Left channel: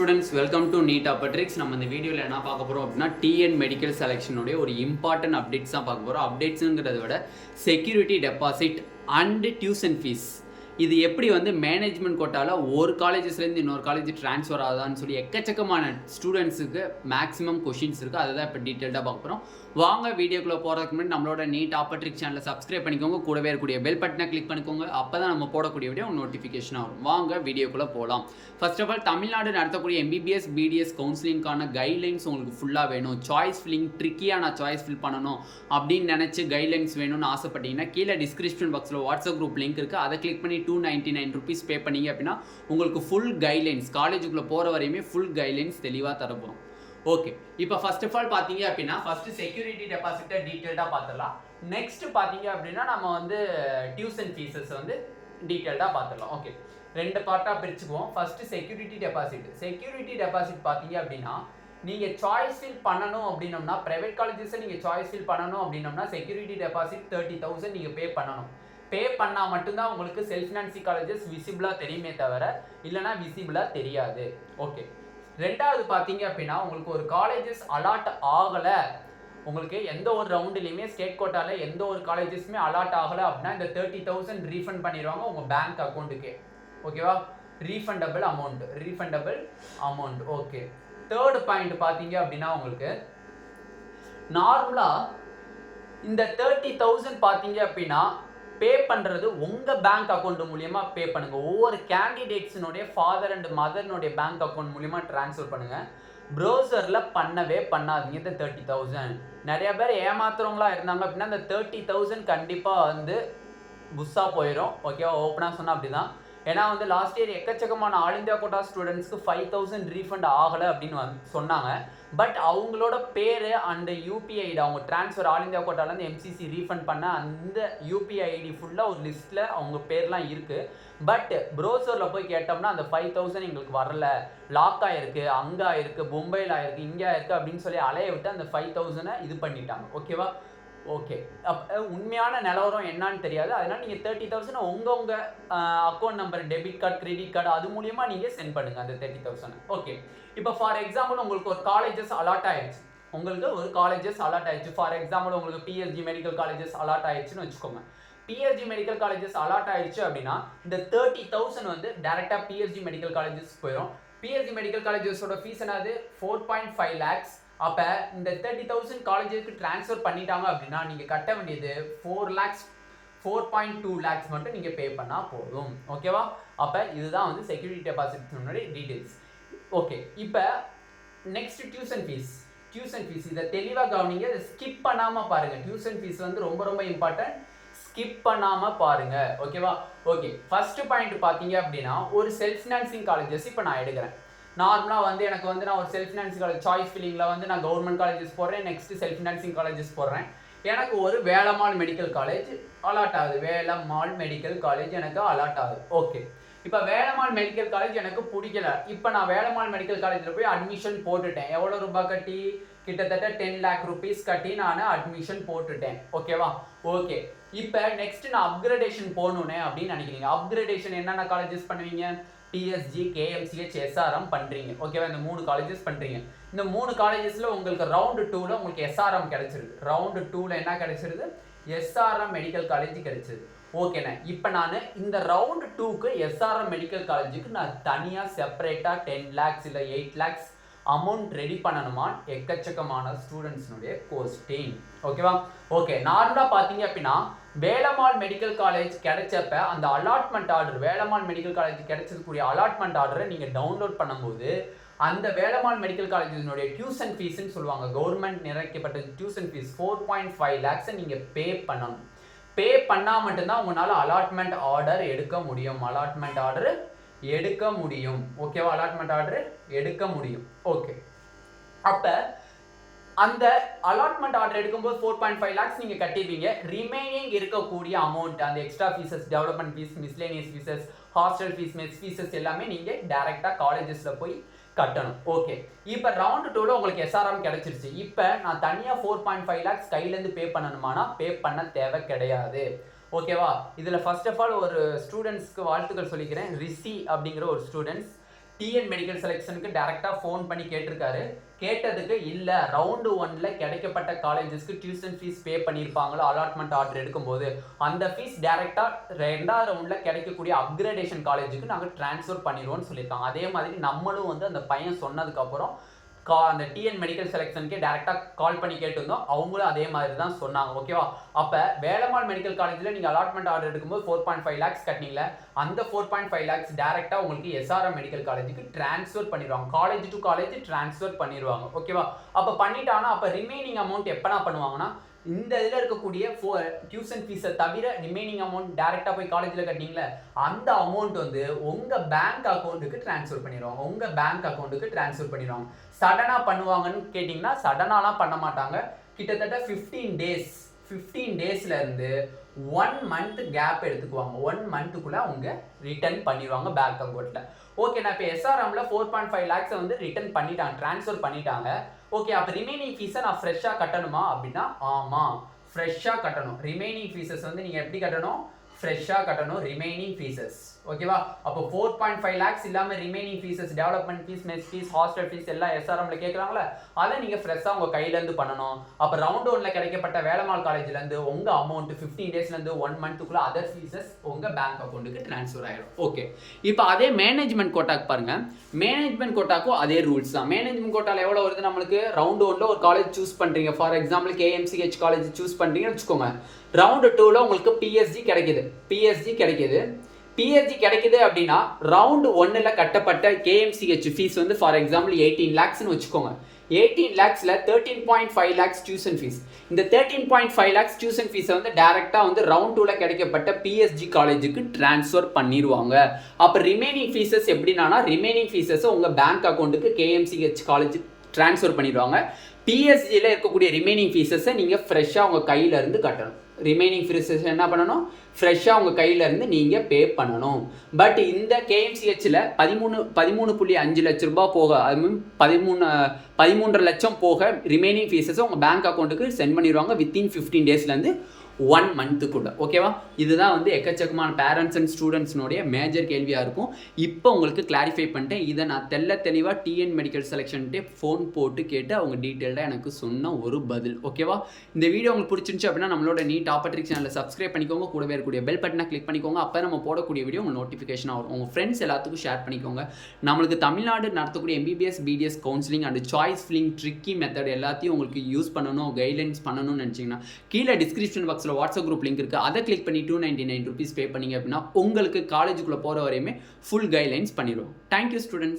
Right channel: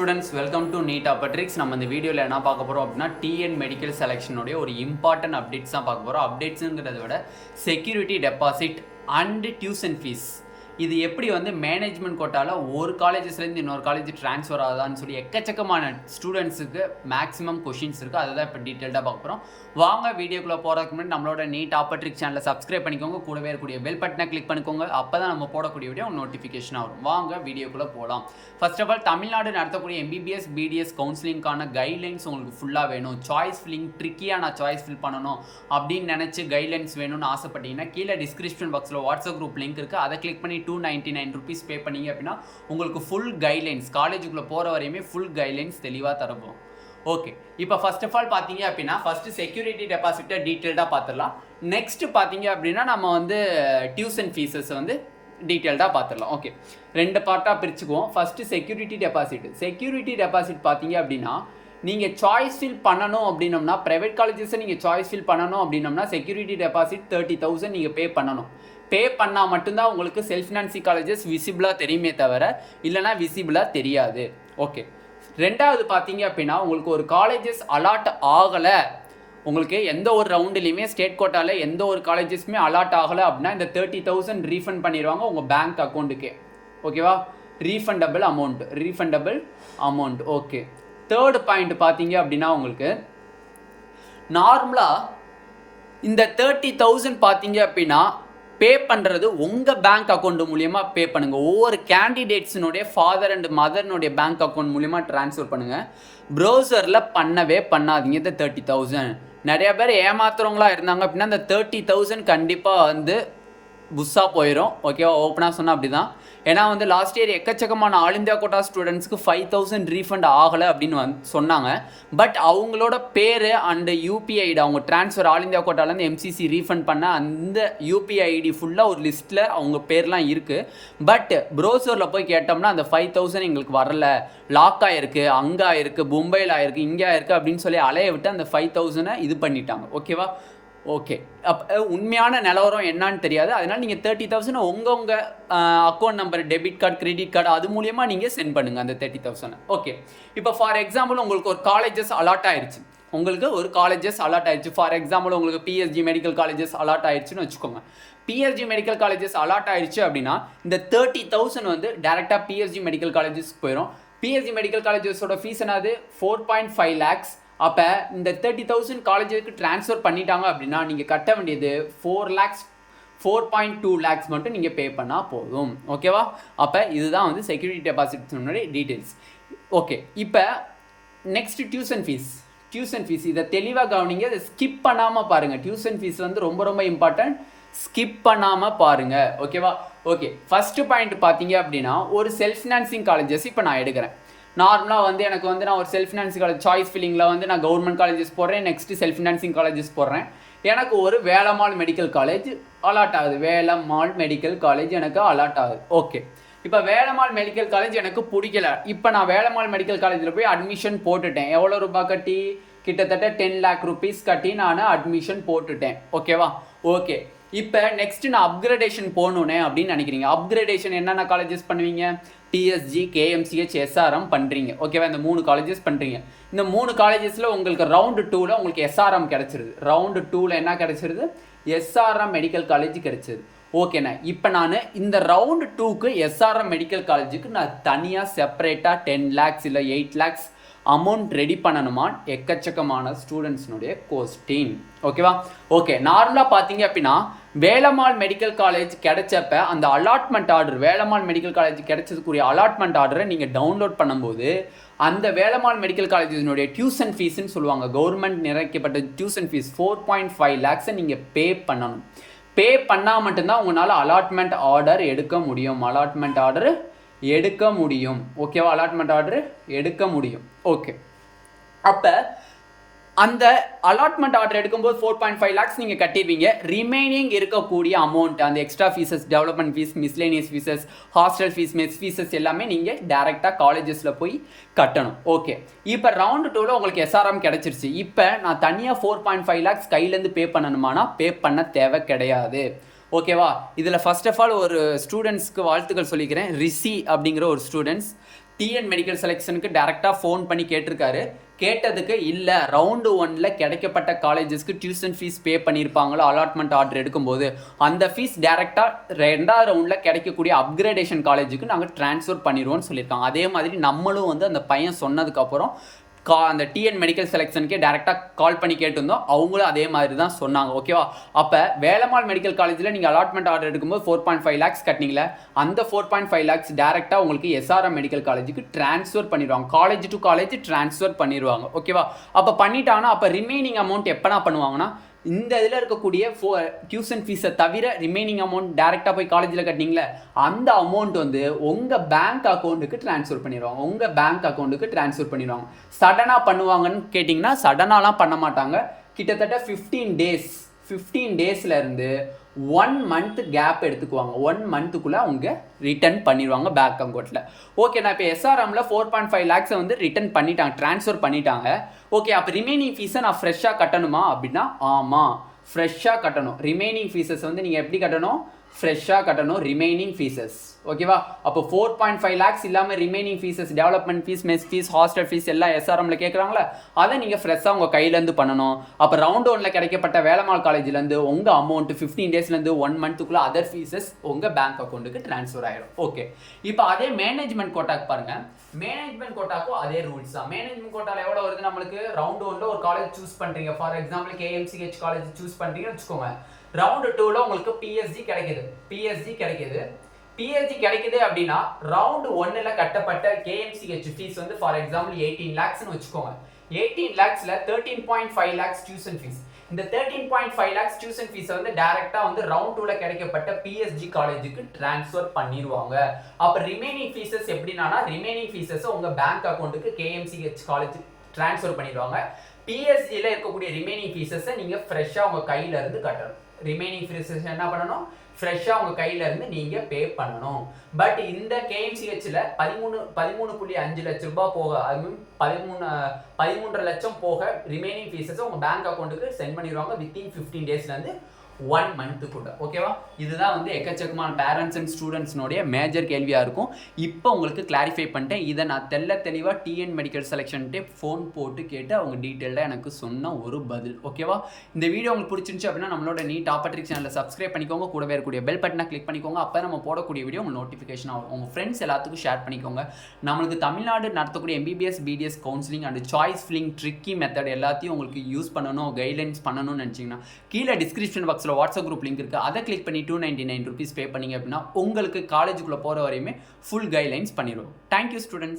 Students, welcome to Neet Tricks. நம்ம இந்த வீடியோல என்ன பார்க்க போறோம் அப்படினா TN மெடிக்கல் செலக்ஷனோட ஒரு இம்பார்ட்டன்ட் அப்டேட்ஸ் தான் பார்க்க போறோம். அப்டேட்ஸ்ங்கறத விட security deposit and tuition fees இது எப்படி வந்து மேனேஜ்மெண்ட் கோட்டால ஒரு காலேஜஸ்ல இருந்து இன்னொரு காலேஜ் ட்ரான்ஸ்ஃபர் ஆகுதான்னு சொல்லி எக்கச்சக்கமான ஸ்டூடெண்ட்ஸுக்கு மேக்ஸிமம் கொஷின்ஸ் இருக்குது. அதை தான் இப்போ டீட்டெயில்டாக பார்க்க போகிறோம். வாங்க வீடியோக்குள்ளே போகிறதுக்கு முன்னாடி நம்மளோட நீட் ட்ரிக்ஸ் சேனலை சப்ஸ்கிரைப் பண்ணிக்கோங்க. கூடவே இருக்கக்கூடிய பெல் பட்டனை கிளிக் பண்ணிக்கோங்க. அப்போ தான் நம்ம போடக்கூடிய வீடியோ நோட்டிஃபிகேஷனாக வரும். வாங்க வீடியோக்குள்ளே போகலாம். ஃபர்ஸ்ட் ஆஃப் ஆல், தமிழ்நாடு நடத்தக்கூடிய MBBS BDS கவுன்சிலிங்கான கைட்லைன்ஸ் உங்களுக்கு ஃபுல்லாக வேணும். சாய்ஸ் ஃபில்லிங் ட்ரிக்கியாக நான் சாய்ஸ் ஃபில் பண்ணணும் அப்படின்னு நினச்சி கைட்லைன்ஸ் வேணும்னு ஆசைப்பட்டீங்கன்னா கீழே டிஸ்கிரிப்ஷன் பாக்ஸில் வாட்ஸ்அப் குரூப் லிங்க் இருக்குது. அதை கிளிக் பண்ணி 299 rupees பே பண்ணிங்க அப்படின்னா உங்களுக்கு ஃபுல் கைட்லைன்ஸ் காலேஜுக்குள்ளே போகிற வரையுமே ஃபுல் கைட்லைன்ஸ் தெளிவாக தரப்போம். ஓகே, இப்போ ஃபர்ஸ்ட் ஆஃப் ஆல் பார்த்தீங்க அப்படின்னா ஃபஸ்ட்டு செக்யூரிட்டி டெபாசிட்டை டீட்டெயில்டாக பார்த்துடலாம். நெக்ஸ்ட் பார்த்தீங்க அப்படின்னா நம்ம வந்து டியூஷன் ஃபீஸஸ் வந்து டீட்டெயில்டாக பார்த்துடலாம். ஓகே, ரெண்டு பார்ட்டாக பிரிச்சுக்குவோம். ஃபஸ்ட்டு செக்யூரிட்டி டெபாசிட் பார்த்தீங்க அப்படின்னா நீங்கள் சாய்ஸ் ஃபில் பண்ணணும் அப்படின்னோம்னா ப்ரைவேட் காலேஜஸை நீங்கள் சாய்ஸ் ஃபில் பண்ணணும் அப்படின்னோம்னா செக்யூரிட்டி டெபாசிட் 30,000 நீங்கள் பே பண்ணணும். பே பண்ணால் மட்டும்தான் உங்களுக்கு செல்ஃப் ஃபினான்சிங் காலேஜஸ் விசிபிளாக தெரியுமே தவிர இல்லைனா விசிபிளாக தெரியாது. ஓகே, ரெண்டாவது பார்த்தீங்க அப்படின்னா உங்களுக்கு ஒரு காலேஜஸ் அலாட் ஆகலை, உங்களுக்கு எந்த ஒரு ரவுண்டுலையுமே ஸ்டேட் கோட்டாவில் எந்த ஒரு காலேஜஸுமே அலாட் ஆகலை அப்படின்னா இந்த 30,000 ரீஃபண்ட் பண்ணிடுவாங்க உங்கள் பேங்க் அக்கௌண்ட்டுக்கே. ஓகேவா, refundable amount. Okay, third point பார்த்தீங்க அப்படின்னா உங்களுக்கு நார்மலாக இந்த 30,000 பார்த்தீங்க அப்படின்னா பே பண்ணுறது உங்கள் பேங்க் அக்கௌண்ட் மூலியமாக பே பண்ணுங்கள். ஒவ்வொரு கேண்டிடேட்ஸினுடைய ஃபாதர் அண்ட் மதர்னுடைய பேங்க் அக்கௌண்ட் மூலியமாக ட்ரான்ஸ்ஃபர் பண்ணுங்கள். ப்ரௌசரில் பண்ணவே பண்ணாதீங்க. இந்த 30,000 நிறைய பேர் ஏமாத்துறவங்களா இருந்தாங்க அப்படின்னா இந்த 30,000 கண்டிப்பாக வந்து புஷ்ஷாக போயிடும். ஓகேவா, ஓப்பனாக சொன்னால் அப்படி தான். ஏன்னா வந்து லாஸ்ட் இயர் எக்கச்சக்கமான ஆல் இந்தியா கோட்டா ஸ்டூடெண்ட்ஸ்க்கு 5,000 ரீஃபண்ட் ஆகலை அப்படின்னு சொன்னாங்க. பட் அவங்களோட பேர் அண்ட் UPI ஐடி அவங்க ட்ரான்ஸ்ஃபர் ஆல் இந்தியா கோட்டாலேருந்து MCC ரீஃபண்ட் பண்ண அந்த UPI ஐடி ஃபுல்லாக ஒரு லிஸ்ட்டில் அவங்க பேர்லாம் இருக்குது. பட் ப்ரௌசரில் போய் கேட்டோம்னா அந்த 5,000 எங்களுக்கு வரல, லாக் ஆகிருக்கு, அங்கே ஆயிருக்கு, மும்பையில் ஆயிருக்கு, இங்கே ஆயிருக்கு அப்படின்னு சொல்லி அலைய விட்டு அந்த 5,000 இது பண்ணிட்டாங்க. ஓகேவா, ஓகே, அப்போ உண்மையான நிலவரம் என்னான்னு தெரியாது. அதனால் நீங்கள் 30,000 உங்கள் account number, debit card, credit card அது மூலியமாக நீங்கள் சென்ட் பண்ணுங்கள் அந்த 30,000. ஓகே, இப்போ ஃபார் எக்ஸாம்பிள் உங்களுக்கு ஒரு காலேஜஸ் அலாட் ஆயிடுச்சு. ஃபார் எக்ஸாம்பிள் உங்களுக்கு PSG மெடிக்கல் காலேஜஸ் அலாட் ஆயிடுச்சுன்னு வச்சுக்கோங்க. PSG மெடிக்கல் காலேஜஸ் அலாட் ஆயிடுச்சு அப்படின்னா இந்த 30,000 வந்து டேரெக்டாக PSG மெடிக்கல் காலேஜஸ் போயிடும். PSG மெடிக்கல் காலேஜஸோட ஃபீஸ் என்னது 4.5 lakhs. அப்போ இந்த 30,000 காலேஜுக்கு ட்ரான்ஸ்ஃபர் பண்ணிட்டாங்க அப்படின்னா நீங்கள் கட்ட வேண்டியது 4.2 lakhs மட்டும் நீங்கள் பே பண்ணால் போதும். ஓகேவா, அப்போ இதுதான் வந்து செக்யூரிட்டி டெபாசிட்னுடைய டீட்டெயில்ஸ். ஓகே, இப்போ நெக்ஸ்ட் டியூஷன் ஃபீஸ் இதை தெளிவாக கவனிங்க. இதை ஸ்கிப் பண்ணாமல் பாருங்கள். டியூஷன் ஃபீஸ் வந்து ரொம்ப ரொம்ப இம்பார்ட்டன்ட், ஸ்கிப் பண்ணாமல் பாருங்கள். ஓகேவா, ஓகே, ஃபஸ்ட்டு பாயிண்ட் பார்த்தீங்க அப்படின்னா ஒரு செல்ஃப் ஃபினான்சிங் காலேஜஸ் இப்போ நான் எடுக்கிறேன். நார்மலாக வந்து எனக்கு வந்து நான் ஒரு செல்ஃப் ஃபினான்சிங் காலேஜ் சாய்ஸ் ஃபில்லிங்கில் வந்து நான் கவர்மெண்ட் காலேஜஸ் போடுறேன், நெக்ஸ்ட்டு செல்ஃப் ஃபினான்சிங் காலேஜஸ் போடுறேன். எனக்கு ஒரு வேலம்மாள் மெடிக்கல் காலேஜ் அலாட் ஆகுது. எனக்கு அலாட் ஆகுது. ஓகே, இப்போ வேலம்மாள் மெடிக்கல் காலேஜ் எனக்கு பிடிக்கல. இப்போ நான் வேலம்மாள் மெடிக்கல் காலேஜில் போய் அட்மிஷன் போட்டுட்டேன். எவ்வளோ ரூபாய் கட்டி? கிட்டத்தட்ட 10 lakh rupees கட்டி நான் அட்மிஷன் போட்டுட்டேன். ஓகேவா, ஓகே, இப்போ நெக்ஸ்ட் நான் அப்கிரேடேஷன் போகணுன்னே அப்படின்னு நினைக்கிறீங்க. அப்கிரேடேஷன் என்னென்ன காலேஜஸ் பண்ணுவீங்க? PSG, KMCH, SRM பண்ணுறீங்க. ஓகேவா, இந்த 3 காலேஜஸ் பண்ணுறீங்க. இந்த 3 காலேஜஸில் உங்களுக்கு ரவுண்டு 2ல் உங்களுக்கு SRM கிடச்சிருது. ரவுண்டு 2ல் என்ன கிடச்சிருது? SRM மெடிக்கல் காலேஜ் கிடச்சிது. ஓகேண்ணா, இப்போ நான் இந்த ரவுண்டு 2க்கு SRM மெடிக்கல் காலேஜுக்கு நான் தனியாக செப்பரேட்டாக 10 lakhs இல்லை 8 lakhs அமௌண்ட் ரெடி பண்ணணுமா? எக்கச்சக்கமான ஸ்டூடெண்ட்ஸ்னுடைய கொஸ்டின். ஓகேவா, ஓகே, நார்மலாக பார்த்தீங்க அப்படின்னா வேலம்மாள் மெடிக்கல் காலேஜ் கிடைச்சப்ப அந்த allotment order, Velammal medical college கிடைச்சதுக்குரிய அலாட்மெண்ட் ஆர்டரை நீங்கள் டவுன்லோட் பண்ணும்போது அந்த வேலம்மாள் மெடிக்கல் காலேஜினுடைய டியூஷன் ஃபீஸ்ன்னு சொல்லுவாங்க, கவர்மெண்ட் நிறைக்கப்பட்ட டியூஷன் ஃபீஸ் 4.5 lakhs நீங்கள் பே பண்ணணும். பே பண்ணால் மட்டும்தான் உங்களால் அலாட்மெண்ட் ஆர்டர் எடுக்க முடியும். ஓகேவா, அலாட்மெண்ட் ஆர்டர் எடுக்க முடியும். ஓகே, அப்போ அந்த அலாட்மெண்ட் ஆர்டர் எடுக்கும்போது 4.5 lakhs நீங்கள் கட்டிடுவீங்க. ரிமைனிங் இருக்கக்கூடிய அமௌண்ட், அந்த extra fees, development fees, miscellaneous fees, hostel fees, mess fees எல்லாமே நீங்கள் டேரெக்டாக காலேஜஸில் போய் கட்டணும். ஓகே, இப்போ ரவுண்டு 2ல் உங்களுக்கு SRM கிடச்சிருச்சு. இப்போ நான் தனியாக 4.5 lakhs கையிலேருந்து பே பண்ணணுமானா பே பண்ண தேவை கிடையாது. ஓகேவா, இதில் ஃபர்ஸ்ட் ஆஃப் ஆல் ஒரு ஸ்டூடெண்ட்ஸ்க்கு வாழ்த்துக்கள் சொல்லிக்கிறேன். ரிஷி அப்படிங்கிற ஒரு ஸ்டூடெண்ட்ஸ் டிஎன் மெடிக்கல் செலெக்ஷனுக்கு டேரெக்டாக ஃபோன் பண்ணி கேட்டிருக்காரு. கேட்டதுக்கு இல்லை ரவுண்டு 1ல் கிடைக்கப்பட்ட காலேஜஸ்க்கு டியூஷன் ஃபீஸ் பே பண்ணியிருப்பாங்களோ அலாட்மெண்ட் ஆர்டர் எடுக்கும்போது அந்த ஃபீஸ் டேரெக்டாக 2வது ரவுண்டில் கிடைக்கக்கூடிய அப்கிரேடேஷன் காலேஜுக்கு நாங்கள் ட்ரான்ஸ்ஃபர் பண்ணிடுவோம்னு சொல்லியிருக்காங்க. அதே மாதிரி நம்மளும் வந்து அந்த பையன் சொன்னதுக்கப்புறம் அந்த டிஎன் மெடிக்கல் செலெக்ஷனுக்கே டேரெக்டாக கால் பண்ணி கேட்டிருந்தோம். அவங்களும் அதே மாதிரி தான் சொன்னாங்க. ஓகேவா? அப்போ வேலம்மாள் மெடிக்கல் காலேஜில் நீங்கள் அலாட்மெண்ட் ஆர்டர் எடுக்கும்போது 4.5 lakhs கட்டினீங்களே, அந்த 4.5 lakhs டேரெக்டாக உங்களுக்கு SRM மெடிக்கல் காலேஜுக்கு ட்ரான்ஸ்ஃபர் பண்ணிடுவாங்க. காலேஜ் டு காலேஜ் ட்ரான்ஸ்ஃபர் பண்ணிடுவாங்க. ஓகேவா? அப்போ பண்ணிட்டாங்கன்னா அப்போ ரிமைனிங் அமௌண்ட் எப்போனா பண்ணுவாங்கன்னா இந்த இதில் இருக்கக்கூடிய டியூஷன் ஃபீஸை தவிர ரிமைனிங் அமௌண்ட் டேரெக்டாக போய் காலேஜில் கட்டினீங்களே அந்த அமௌண்ட் வந்து உங்கள் பேங்க் அக்கௌண்ட்டுக்கு ட்ரான்ஸ்ஃபர் பண்ணிடுவாங்க. உங்கள் பேங்க் அக்கௌண்ட்டுக்கு ட்ரான்ஸ்ஃபர் பண்ணிடுவாங்க. சடனாக பண்ணுவாங்கன்னு கேட்டிங்கன்னா சடனாலாம் பண்ண மாட்டாங்க. கிட்டத்தட்ட 15 டேஸ்லேருந்து 1 month கேப் எடுத்துக்குவாங்க. 1 monthக்குள்ளே அவங்க ரிட்டர்ன் பண்ணிடுவாங்க பேங்க் அக்கௌண்ட்டில். ஓகே, நான் இப்போ SRMல 4.5 lakhs வந்து ரிட்டர்ன் பண்ணிட்டாங்க, ட்ரான்ஸ்ஃபர் பண்ணிட்டாங்க. ஓகே, அப்போ ரிமைனிங் ஃபீஸை நான் ஃப்ரெஷ்ஷாக கட்டணுமா அப்படின்னா ஆமாம், ஃப்ரெஷ்ஷாக கட்டணும். ரிமைனிங் ஃபீஸஸ் வந்து நீங்கள் எப்படி கட்டணும்? ஃப்ரெஷ்ஷாக கட்டணும் ரிமைனிங் ஃபீஸஸ். ஓகேவா? அப்போ 4.5 lakhs இல்லாமல் remaining fees, development fees, mess fees, hostel fees எல்லாம் SRMல கேட்குறாங்களே அதை நீங்கள் ஃப்ரெஷ்ஷாக உங்கள் கையிலேருந்து பண்ணணும். அப்போ ரவுண்ட் 1ல் கிடைக்கப்பட்ட வேலம்மாள் காலேஜ்லேருந்து உங்கள் அமௌண்ட் 15 டேஸ்லேருந்து 1 monthக்குள்ளே அதர் ஃபீஸஸ் உங்கள் பேங்க் அக்கௌண்ட்டுக்கு ட்ரான்ஸ்ஃபர் ஆகிடும். ஓகே, இப்போ அதே மேனேஜ்மெண்ட் கோட்டாக்கு பாருங்கள். மேனேஜ்மெண்ட் கோட்டாக்கும் அதே ரூல்ஸ் தான். மேனேஜ்மெண்ட் கோட்டாவில் எவ்வளோ வருது நம்மளுக்கு? ரவுண்ட் 1ல் ஒரு காலேஜ் சூஸ் பண்ணுறீங்க, for example KMCH college choose பண்ணுறீங்கன்னு வச்சுக்கோங்க. ரவுண்டு 2ல் உங்களுக்கு PSG கிடைக்குது. PSG கிடைக்குது அப்படின்னா ரவுண்டு 1ல் கட்டப்பட்ட KMCH ஃபீஸ் வந்து ஃபார் எக்ஸாம்பிள் 18 lakhsன்னு வச்சுக்கோங்க. 18 lakhsல 13.5 lakhs டியூஷன் ஃபீஸ். இந்த 13.5 lakhs டியூஷன் ஃபீஸை வந்து டேரெக்டாக வந்து ரவுண்ட் 2ல் கிடைக்கப்பட்ட PSG காலேஜுக்கு ட்ரான்ஸ்ஃபர் பண்ணிடுவாங்க. அப்போ ரிமைனிங் ஃபீஸஸ் எப்படின்னா ரிமைனிங் ஃபீஸஸ் உங்கள் பேங்க் அக்கௌண்ட்டுக்கு KMCH காலேஜ் ட்ரான்ஸ்ஃபர் பண்ணிடுவாங்க. PSGல இருக்கக்கூடிய ரிமைனிங் ஃபீஸஸை நீங்கள் ஃப்ரெஷ்ஷாக உங்கள் கையிலேருந்து கட்டணும். ரிமைனிங் ஃபீஸஸ் என்ன பண்ணணும்? ஃப்ரெஷ்ஷாக உங்கள் கையிலேருந்து நீங்கள் பே பண்ணணும். பட் இந்த KMCHல 13.5 லட்ச ரூபாய் போக, அது மீன் 13.5 லட்சம் போக ரிமைனிங் ஃபீஸஸை உங்கள் பேங்க் அக்கௌண்ட்டுக்கு சென்ட் பண்ணிடுவாங்க வித்தின் 15 டேஸ்லேருந்து 1 monthக்குள்ள. ஓகேவா? இதுதான் வந்து எக்கச்சக்கமான பேரண்ட்ஸ் அண்ட் ஸ்டூடெண்ட்ஸ்னுடைய மேஜர் கேள்வியாக இருக்கும். இப்போ உங்களுக்கு கிளாரிஃபை பண்ணிட்டேன். இதை நான் தெளிவாக டிஎன் மெடிக்கல் செலெக்ஷன்ட்டே ஃபோன் போட்டு கேட்டு அவங்க டீட்டெயில்டாக எனக்கு சொன்ன ஒரு பதில். ஓகேவா? இந்த வீடியோ உங்களுக்கு பிடிச்சிருந்துச்சு அப்படின்னா நம்மளோட நீட் டாப்பட்ரிக்ஸ் சேனலை சப்ஸ்கிரைப் பண்ணிக்கோங்க. கூடவே இருக்கக்கூடிய பெல் பட்டனை கிளிக் பண்ணிக்கோங்க. அப்போ நம்ம போடக்கூடிய வீடியோ உங்களுக்கு நோட்டிஃபிகேஷன் ஆகும். உங்கள் ஃப்ரெண்ட்ஸ் எல்லாத்துக்கும் ஷேர் பண்ணிக்கோங்க. நம்மளுக்கு தமிழ்நாடு நடத்தக்கூடிய MBBS BDS counselling and choice filling tricky method எல்லாத்தையும் உங்களுக்கு யூஸ் பண்ணணும், கைட்லைன்ஸ் பண்ணணும்னு நினச்சிங்கன்னா கீழே டிஸ்கிரிப்ஷன் பாக்ஸில் வாட்ஸ்அப் குரூப் லிங்க் இருக்குது. அதை கிளிக் பண்ணி 299 rupees பே பண்ணிங்க அப்படின்னா உங்களுக்கு காலேஜுக்குள்ளே போகிற வரையுமே ஃபுல் கைட்லைன்ஸ் பண்ணிடுவோம். Thank you students.